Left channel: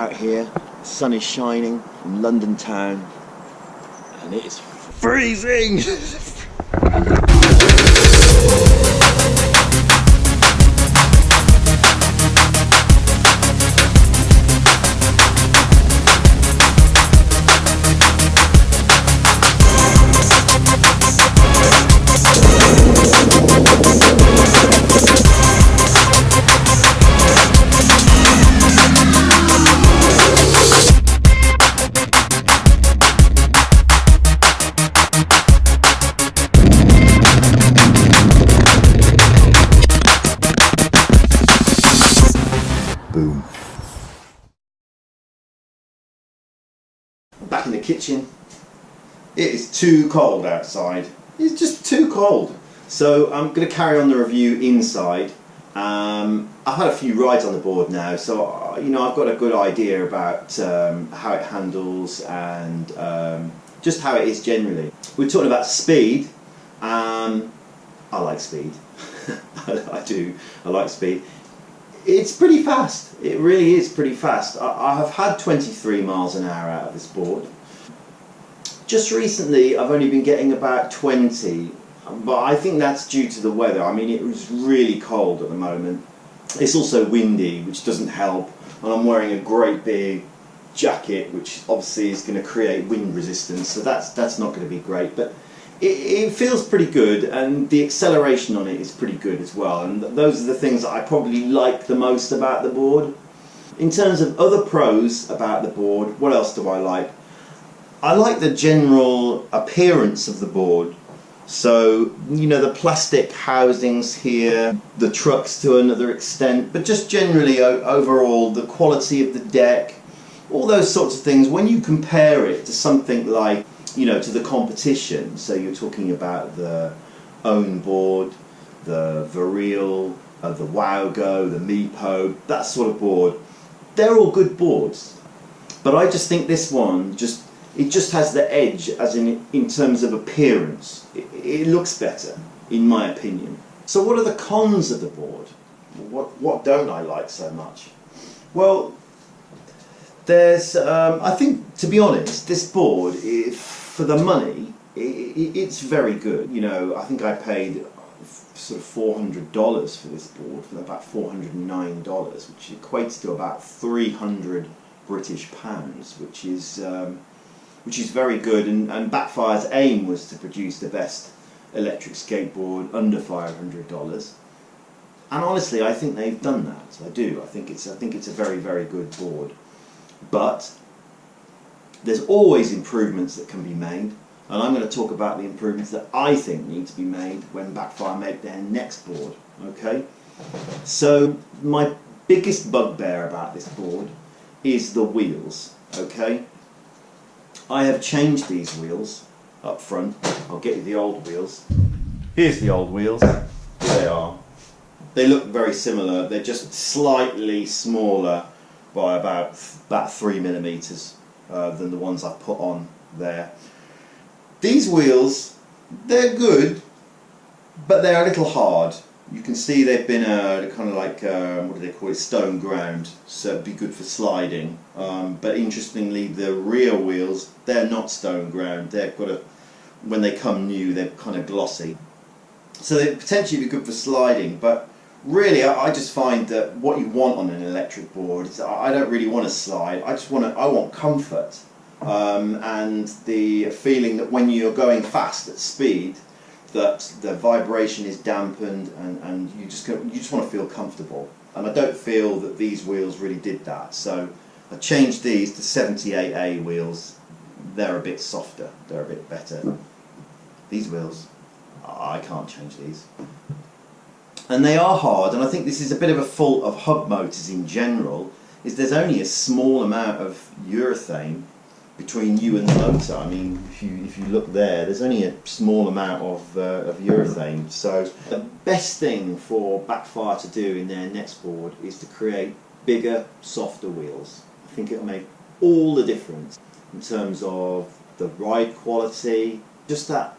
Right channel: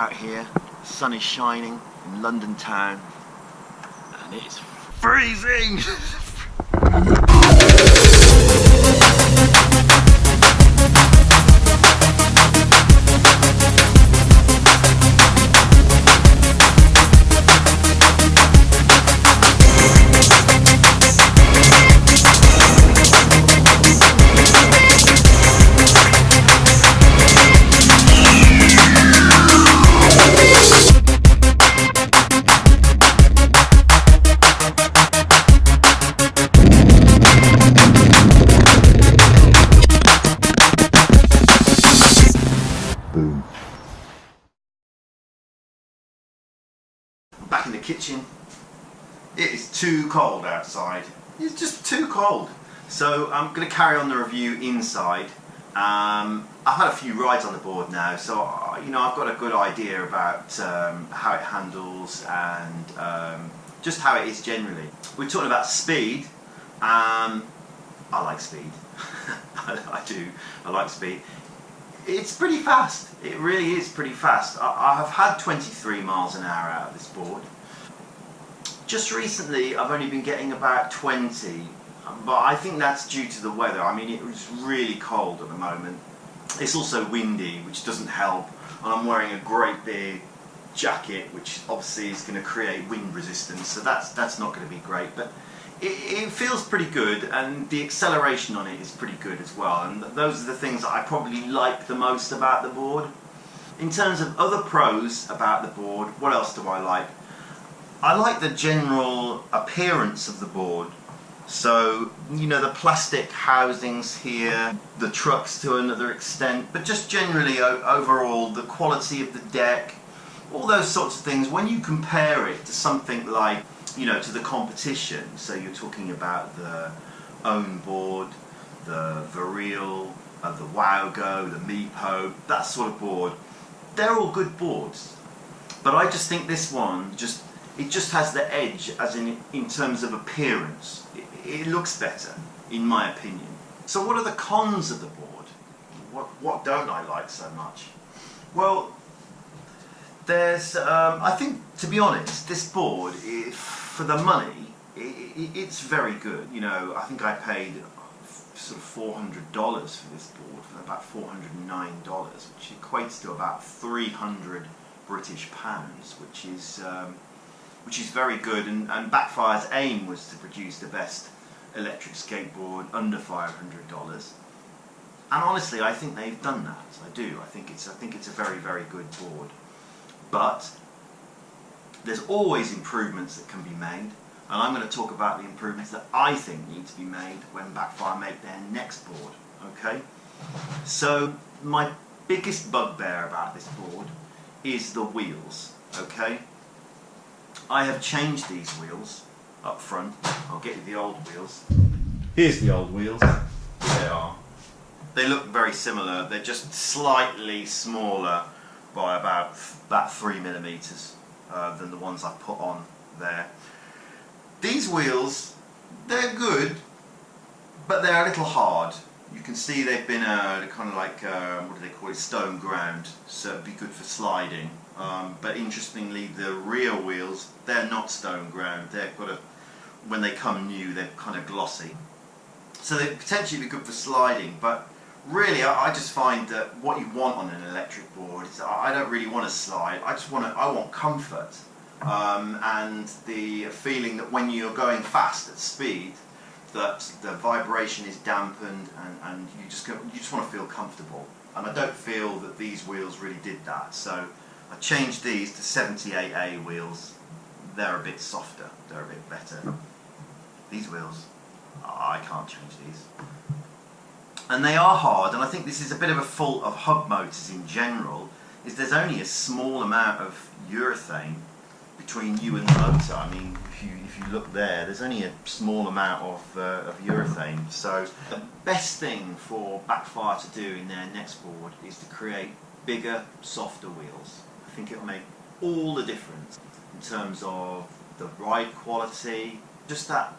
out here, the sun is shining in London town, and it is freezing! Boom. I'm back in the kitchen. It is too cold outside. It's just too cold. So I'm going to carry on the review inside. I've had a few rides on the board now, so you know I've got a good idea about how it handles and just how it is generally. We're talking about speed. I like speed. I do. I like speed. It's pretty fast. It really is pretty fast. I have had 23 miles an hour out of this board. Just recently I've only been getting about 20, but I think that's due to the weather. I mean, it was really cold at the moment. It's also windy, which doesn't help, and I'm wearing a great big jacket, which obviously is going to create wind resistance, so that's not going to be great. But it feels pretty good, and the acceleration on it is pretty good as well, and those are the things that I probably like the most about the board. In terms of other pros about the board, what else do I like? I like the general appearance of the board. So, you know, the plastic housings here, the trucks to another extent, but just generally overall the quality of the deck, all those sorts of things. When you compare it to something like, you know, to the competition, so you're talking about the Own board, the Viril, the Wowgo, the Meepo, that sort of board, they're all good boards. But I just think this one, it just has the edge as in terms of appearance. It looks better, in my opinion. So what are the cons of the board? What don't I like so much? Well, there's, I think, to be honest, this board, for the money, it's very good. You know, I think I paid sort of $400 for this board, for about $409, which equates to about 300 British pounds, which is very good. And Backfire's aim was to produce the best electric skateboard under $500. And honestly, I think they've done that. I do. I think it's a very, very good board. But there's always improvements that can be made, and I'm going to talk about the improvements that I think need to be made when Backfire make their next board. Okay? So my biggest bugbear about this board is the wheels. Okay? I have changed these wheels up front. I'll get you the old wheels. Here's the old wheels. There they are. They look very similar. They're just slightly smaller by about 3mm than the ones I've put on there. These wheels, they're good, but they're a little hard. You can see they've been kind of like, what do they call it, stone ground, so it'd be good for sliding. But interestingly, the rear wheels, they're not stone ground. They've got when they come new, they're kind of glossy. So they'd potentially be good for sliding, but really, I just find that what you want on an electric board is I don't really want to slide. I want comfort, and the feeling that when you're going fast at speed, that the vibration is dampened, and you just want to feel comfortable. And I don't feel that these wheels really did that. So I changed these to 78A wheels. They're a bit softer. They're a bit better. These wheels, I can't change these. And they are hard, and I think this is a bit of a fault of hub motors in general, is there's only a small amount of urethane between you and the motor. I mean, if you look there, there's only a small amount of urethane. So the best thing for Backfire to do in their next board is to create bigger, softer wheels. I think it'll make all the difference in terms of the ride quality, just that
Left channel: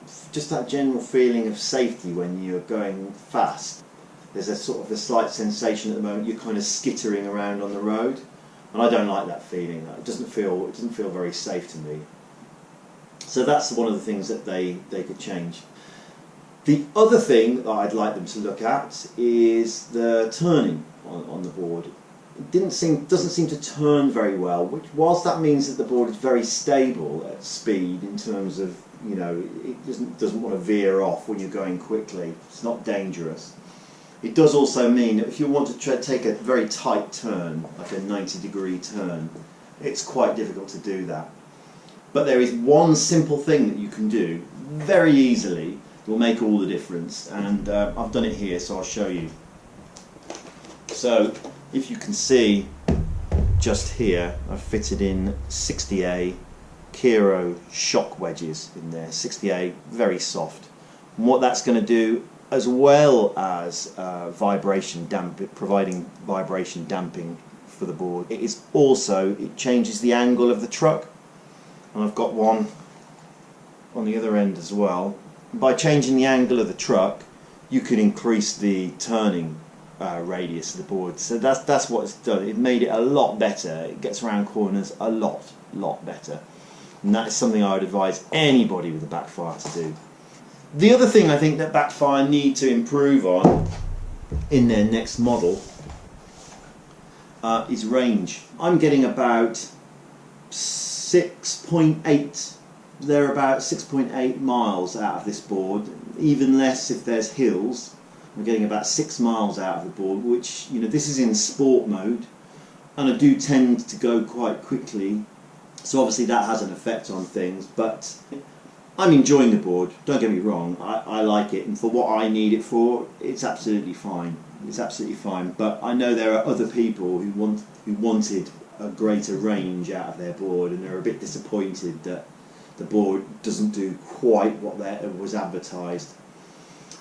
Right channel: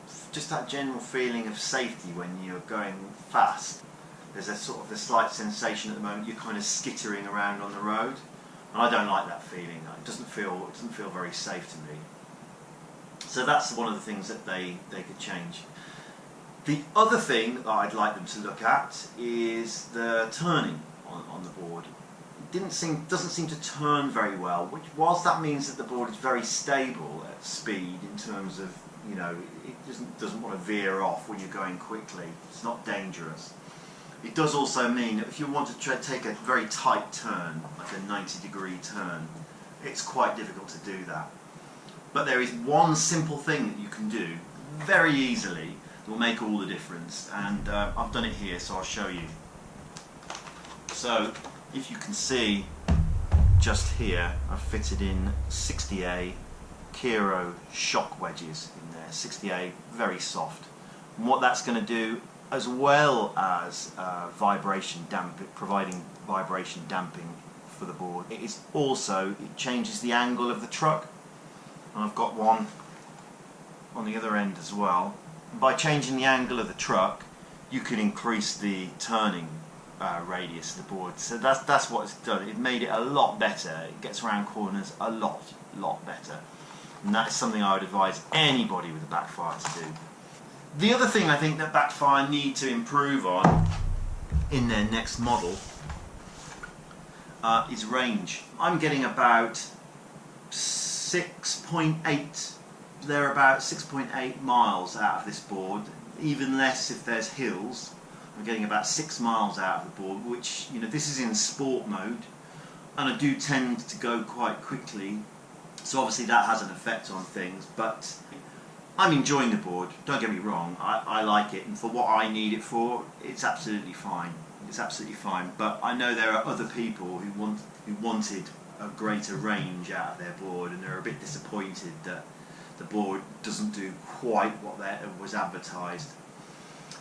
general feeling of safety when you're going fast. There's a sort of a slight sensation at the moment you're kind of skittering around on the road. and I don't like that feeling. It doesn't feel very safe to me. So that's one of the things that they could change. The other thing that I'd like them to look at is the turning on the board. It doesn't seem to turn very well, which, whilst that means that the board is very stable at speed in terms of, you know, it doesn't want to veer off when you're going quickly. It's not dangerous. It does also mean that if you want to take a very tight turn, like a 90-degree turn, it's quite difficult to do that. But there is one simple thing that you can do very easily that will make all the difference, and I've done it here, so I'll show you. So if you can see just here, I've fitted in 60A Kiro shock wedges in there. 60A, very soft. And what that's going to do, as well as providing vibration damping for the board, it changes the angle of the truck. And I've got one on the other end as well. And by changing the angle of the truck, you can increase the turning radius of the board. So that's what it's done. It made it a lot better. It gets around corners a lot better. And that is something I would advise anybody with a Backfire to do. The other thing I think that Backfire need to improve on in their next model is range. I'm getting about 6.8. They're about 6.8 miles out of this board. Even less if there's hills. I'm getting about 6 miles out of the board, which, you know, this is in sport mode, and I do tend to go quite quickly, so obviously that has an effect on things, but I'm enjoying the board, don't get me wrong. I like it, and for what I need it for, it's absolutely fine. It's absolutely fine, but I know there are other people who wanted a greater range out of their board, and they're a bit disappointed that the board doesn't do quite what was advertised.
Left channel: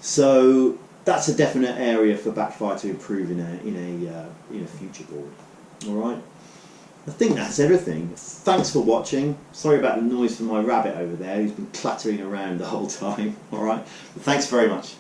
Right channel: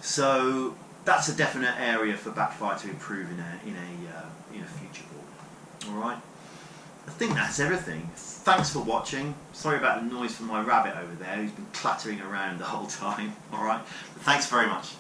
So that's a definite area for Backfire to improve in a future board. All right, I think that's everything. Thanks for watching. Sorry about the noise from my rabbit over there, who's been clattering around the whole time. All right, but thanks very much.